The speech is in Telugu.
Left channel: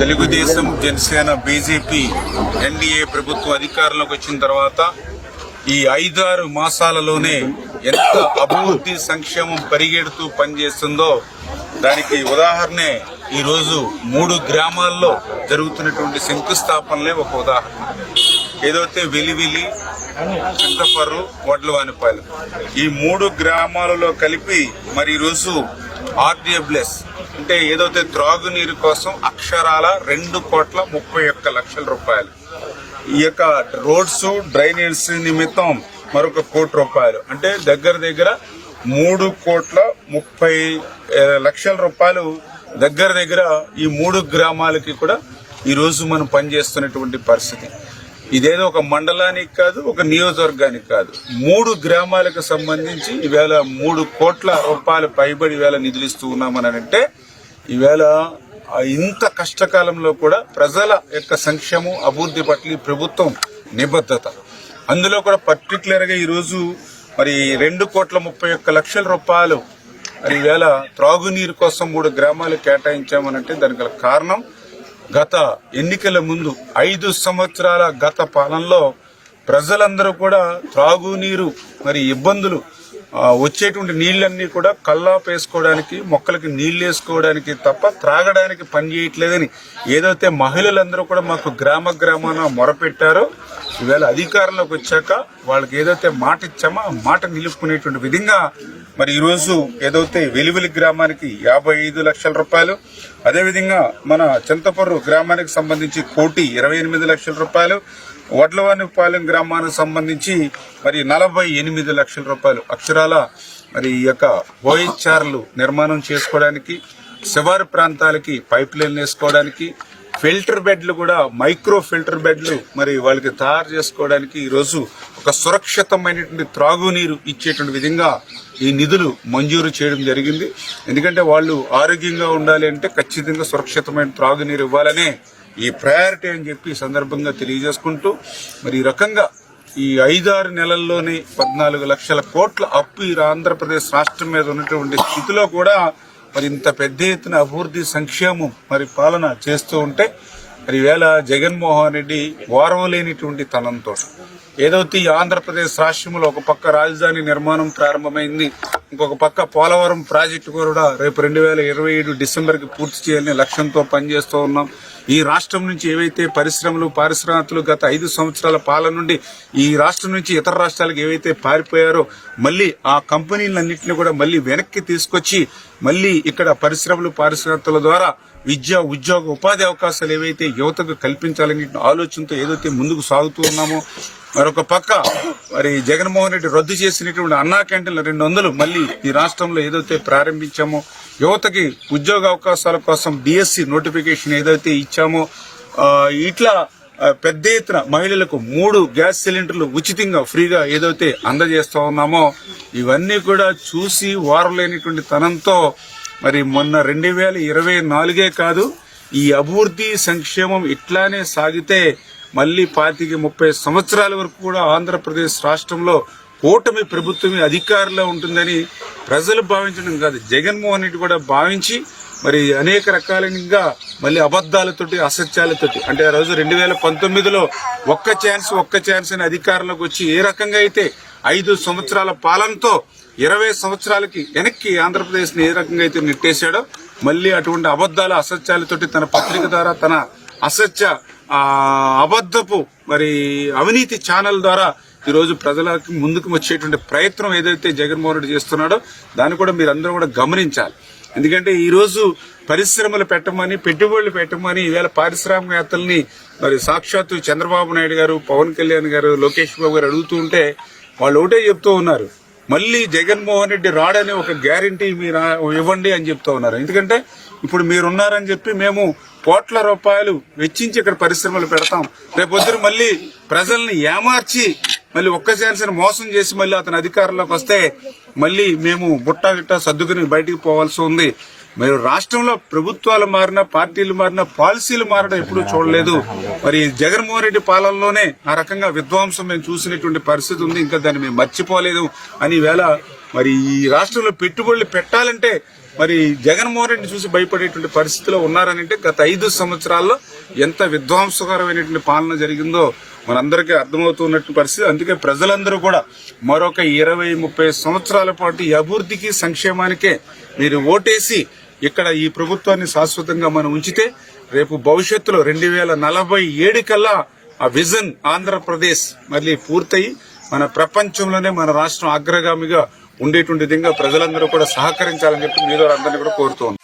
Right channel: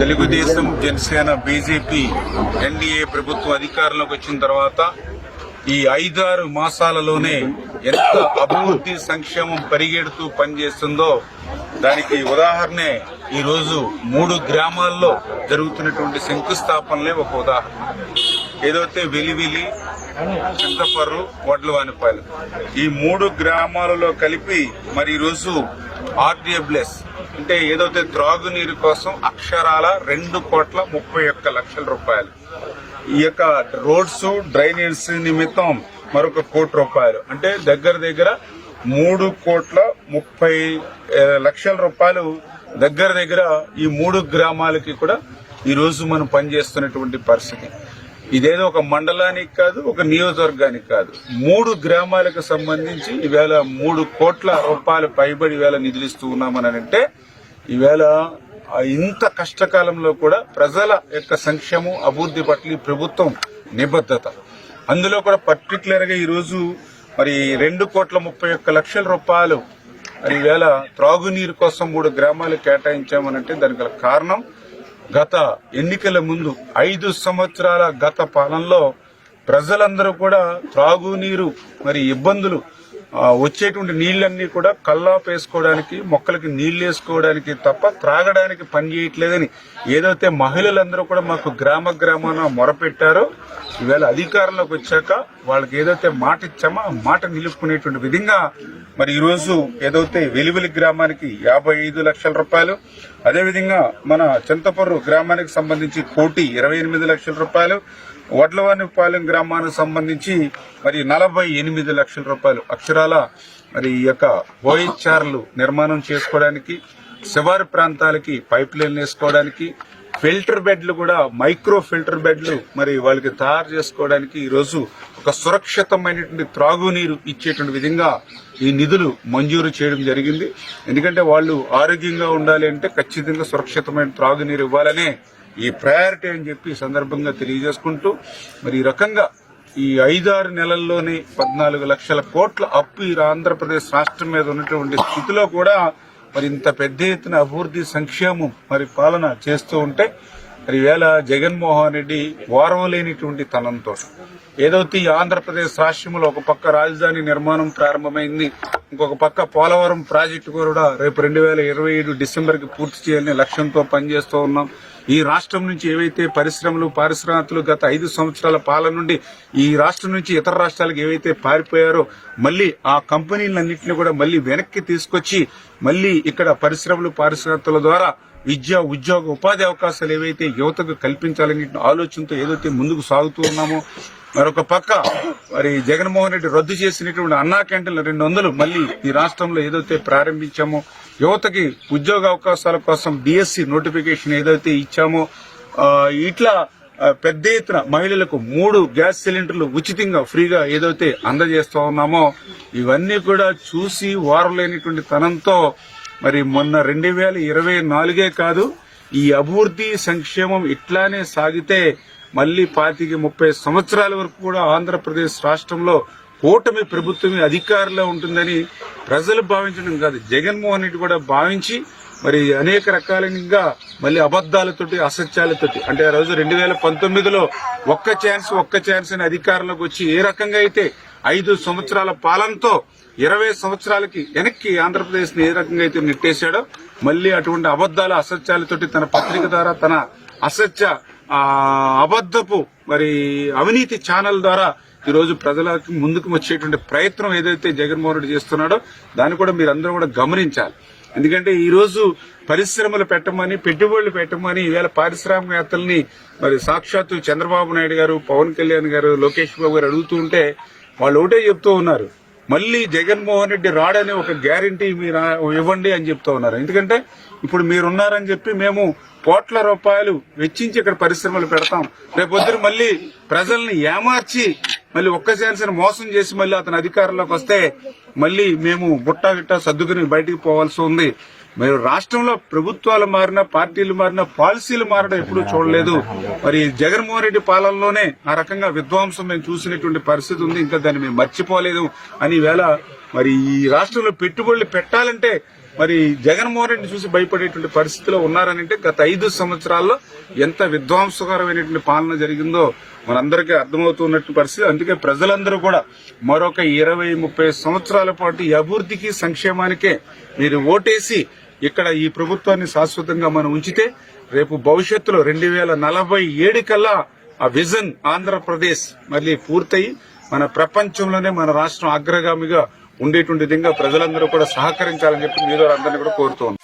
తెలుగుదేశం, జనసేన, బీజేపీ, ఎన్డీఏ ప్రభుత్వం అధికారంలోకి వచ్చిన తర్వాత ఈ 5-6 మాసాలలోనే ఎంత అభివృద్ధి సంక్షేమం పరిగెడుతూ పనిచేస్తుందో దానికి ఉదాహరణే ఈరోజు 3 గ్రామాల్లో జరుగుతున్నటువంటి శంకుస్థాపనలే ఒక ఉదాహరణ. ఏదైతే వెలివిలి, చింతపర్రు, వడ్లవానిపాలెం ఈ 3 గ్రామాలలో కలిపి మరి ఈరోజు ఆర్డబ్ల్యూఎస్ అంటే ఏదైతే త్రాగునీరు కోసం అక్షరాల 2,31,00,000 రూపాయలు, ఈ యొక్క రోడ్స్ డ్రైనేజ్ నిమిత్తం మరొక ₹1,00,00,000 అంటే దగ్గర 3,30,00,000 రూపాయలు దగ్గర ఈ 3 గ్రామాలకి కూడా ఈ రోజు మనం పనిచేస్తున్నటువంటి పరిస్థితి. ఇదేదో ఒక మండలానికి కాదు, ఒక నియోజకవర్గానికి కాదు, 3 గ్రామాలకు సంబంధించి ఈవేళ 3 కోట్ల రూపాయలు పైబడి ఈవేళ నిధులిస్తూ ఉన్నామని అంటే ఈవేళ ఇంత కష్టకాలంలో కూడా ప్రజల యొక్క సంక్షేమం అభివృద్ధి పట్ల ప్రభుత్వం నిబద్ధత. అందులో కూడా పర్టికులర్ గా ఈరోజు మరి 2,31,00,000 రూపాయలు మరి ఈవేళ త్రాగునీరు కోసం 3 గ్రామాలు కేటాయించామనంటే దానికి గల కారణం గత ఎన్నికల ముందు 5 సంవత్సరాల గత పాలనలో ప్రజలందరూ కూడా త్రాగునీరు మరి ఇబ్బందులు వచ్చేటువంటి నీళ్లన్నీ కూడా కల్లాపేసుకోవడానికి, మొక్కలకి నీళ్లు వేసుకోవడానికి తప్ప త్రాగడానికి పని చేయట్లేదని ఏదైతే మహిళలందరూ కూడా మాకు గ్రామాన మొరపెట్టారో ఈవేళ అధికారంలోకి వచ్చాక వాళ్ళకి ఏదైతే మాట ఇచ్చామో ఆ మాట నిలుపుకునేటువంటి విధంగా మరి ఈరోజు ఏదైతే వెలివిలి గ్రామానికి 55 లక్షల రూపాయలు, అదేవిధంగా మన చింతపర్రు గ్రామానికి సంబంధించి 1,28,00,000 రూపాయలు, వడ్లవానిపాలెం గ్రామానికి సంబంధించి మరి 48 లక్షల రూపాయలు అక్షరాల మరి ఈ యొక్క ఓహెచ్ఆర్లు నిర్మాణం చేసుకోవడానికి, శివారు ప్రాంతాలకి పైప్ లైన్లు వేసుకోవడానికి, ఫిల్టర్ బెడ్లు కూడా మైక్రో ఫిల్టర్ బెడ్లు మరి వాళ్ళకి తయారు చేసుకోవడానికి ఈరోజు ఒక సురక్షితమైనటువంటి త్రాగునీరు ఇచ్చేటువంటి విధంగా ఈ నిధులు మంజూరు చేయడం జరిగింది. ఎందుకంటే వాళ్ళు ఆరోగ్యంగా ఉండాలి అంటే ఖచ్చితంగా సురక్షితమైన త్రాగునీరు ఇవ్వాలనే ఈ ప్రయారిటీ అని చెప్పి సందర్భంగా తెలియజేసుకుంటూ మరి ఈ రకంగా ఈ 5-6 నెలల్లోనే 14 లక్షల కోట్ల అప్పు ఈ ఆంధ్రప్రదేశ్ రాష్ట్రం మీద ఉన్నటువంటి స్థితిలో కూడా మరి ఇంత పెద్ద ఎత్తున అభివృద్ధి సంక్షేమం మరి పాలన చేస్తూ ఉంటే మరి ఈవేళ జగన్మోహన్ రెడ్డి ఓర్వలేనిటువంటి తనంతో ఏదైతే ఈ ఆంధ్రప్రదేశ్ రాష్ట్రంలో ఒక పక్క రాజధాని నిర్మాణం ప్రారంభమైంది, ఇంకొక పక్క పోలవరం ప్రాజెక్టు కూడా రేపు 2027 డిసెంబర్కి పూర్తి చేయాలనే లక్ష్యంతో పనిచేస్తూ ఉన్నాం. ఈ రాష్ట్రం నుంచి ఏవైతే పరిశ్రమలు, పారిశ్రామికలు గత 5 సంవత్సరాల పాలన నుండి ఈ రాష్ట్రం నుంచి ఇతర రాష్ట్రాలకు ఏవైతే పారిపోయారో మళ్లీ ఆ కంపెనీలన్నింటినీ కూడా మళ్లీ వెనక్కి తీసుకొచ్చి మళ్లీ ఇక్కడ పరిశ్రమలు, పారిశ్రామికల ద్వారా విద్య, ఉద్యోగ, ఉపాధి అవకాశాలు ఏవైతే యువతకు కల్పించాలనే ఆలోచనతో ఏదైతే ముందుకు సాగుతూ ఉన్నామో, మరొక పక్క మరి జగన్మోహన్ రెడ్డి రద్దు చేసినటువంటి అన్నా క్యాంటీన్లు 200 మళ్లీ ఈ రాష్ట్రంలో ఏదైతే ప్రారంభించామో, యువతకి ఉద్యోగ అవకాశాల కోసం డిఎస్సి నోటిఫికేషన్ ఏదైతే ఇచ్చామో, ఇట్లా పెద్ద ఎత్తున మహిళలకు 3 గ్యాస్ సిలిండర్లు ఉచితంగా ఫ్రీగా ఏదైతే అందజేస్తా ఉన్నామో ఇవన్నీ కూడా చూసి వారలేనిటువంటి తనంతో మరి మొన్న 2024 కాదు ఈ అభివృద్ధి సంక్షేమం ఇట్లానే సాగితే మళ్లీ 25-30 సంవత్సరాల వరకు కూడా ఆంధ్రప్రదేశ్ రాష్ట్రంలో కూటమి ప్రభుత్వమే అధికారంలో ఉంటుందని ప్రజలు భావించడం కాదు, జగన్మోహన్ రెడ్డి కూడా భావించి మరి అనేక రకాలుగా మళ్ళీ అబద్దాలతోటి, అసత్యాలతోటి అంటే ఆ రోజు 2019లో ఒక్క ఛాన్స్ అని అధికారంలోకి వచ్చి ఏ రకంగా అయితే 5 సంవత్సరాల పాలనతో 20 సంవత్సరాలకి వెనక్కి ఆంధ్రప్రదేశ్ ని ఏ రకంగా అయితే నెట్టేశాడో మళ్లీ అటువంటి అబద్దాల, అసత్యాలతోటి తన పత్రిక ద్వారా తన అసత్య అబద్దపు మరి అవినీతి ఛానల్ ద్వారా ఈరోజు ప్రజలకు ముందుకు వచ్చేటువంటి ప్రయత్నం ఏదైతే జగన్మోహన్ రెడ్డి చేస్తున్నాడో దాన్ని కూడా మీరందరూ కూడా గమనించాలి. ఎందుకంటే ఈ రోజు పరిశ్రమలు పెట్టమని, పెట్టుబడులు పెట్టమని ఈవేళ పారిశ్రామికవేత్తల్ని మరి సాక్షాత్తు చంద్రబాబు నాయుడు గారు, పవన్ కళ్యాణ్ గారు, లోకేష్ బాబు గారు అడుగుతూ ఉంటే వాళ్ళు ఒకటే చెప్తూ ఉన్నారు, మళ్లీ జగన్మోహన్ రెడ్డి రాడని ఒక గ్యారంటీ మీరు ఇవ్వండి అని చెప్తూ ఉన్నారు. ఎందుకంటే ఇప్పుడు మీరున్నారని చెప్పి మేము కోట్ల రూపాయలు వెచ్చించి ఇక్కడ పరిశ్రమలు పెడతాం, రేపొద్దున మళ్లీ ప్రజల్ని ఏమార్చి మళ్లీ ఒక్క ఛాన్స్ మోసం చేసి మళ్లీ అతని అధికారంలోకి వస్తే మళ్లీ మేము బుట్టా గిట్టా సర్దుకుని బయటికి పోవాల్సి ఉంది. మీరు రాష్ట్రంలో ప్రభుత్వాలు మారినా, పార్టీలు మారినా, పాలసీలు మారడం ఎప్పుడూ చూడలేదు. మరి జగన్మోహన్ రెడ్డి పాలనలోనే ఆ రకంగా విధ్వంసం మేము చూసినటువంటి పరిస్థితి ఉంది, ఇంకా దాన్ని మేము మర్చిపోలేదు అని వేళ మరి ఈ రాష్ట్రంలో పెట్టుబడులు పెట్టాలంటే మరి జగన్మోహన్ రెడ్డి చూసి భయపడేటువంటి పరిస్థితిలో ఉన్నారనంటే గత 5 సంవత్సరాల్లో ఎంత విధ్వంసకరమైనటువంటి పాలన జరిగిందో మనందరికీ అర్థమవుతున్నటువంటి పరిస్థితి. అందుకే ప్రజలందరూ కూడా మరొక 20-30 సంవత్సరాల పాటు ఈ అభివృద్ధికి సంక్షేమానికే మీరు ఓటేసి ఇక్కడ ఈ ప్రభుత్వాన్ని శాశ్వతంగా మనం ఉంచితే రేపు భవిష్యత్తులో 2047 కల్లా ఆ విజన్ ఆంధ్రప్రదేశ్ మళ్ళీ పూర్తయి మన ప్రపంచంలోనే మన రాష్ట్రం అగ్రగామిగా ఉండేటువంటి విధంగా ప్రజలందరూ కూడా సహకరించాలని చెప్పి మీ ద్వారా అందరినీ కూడా కోరుతూ ఉన్నాం.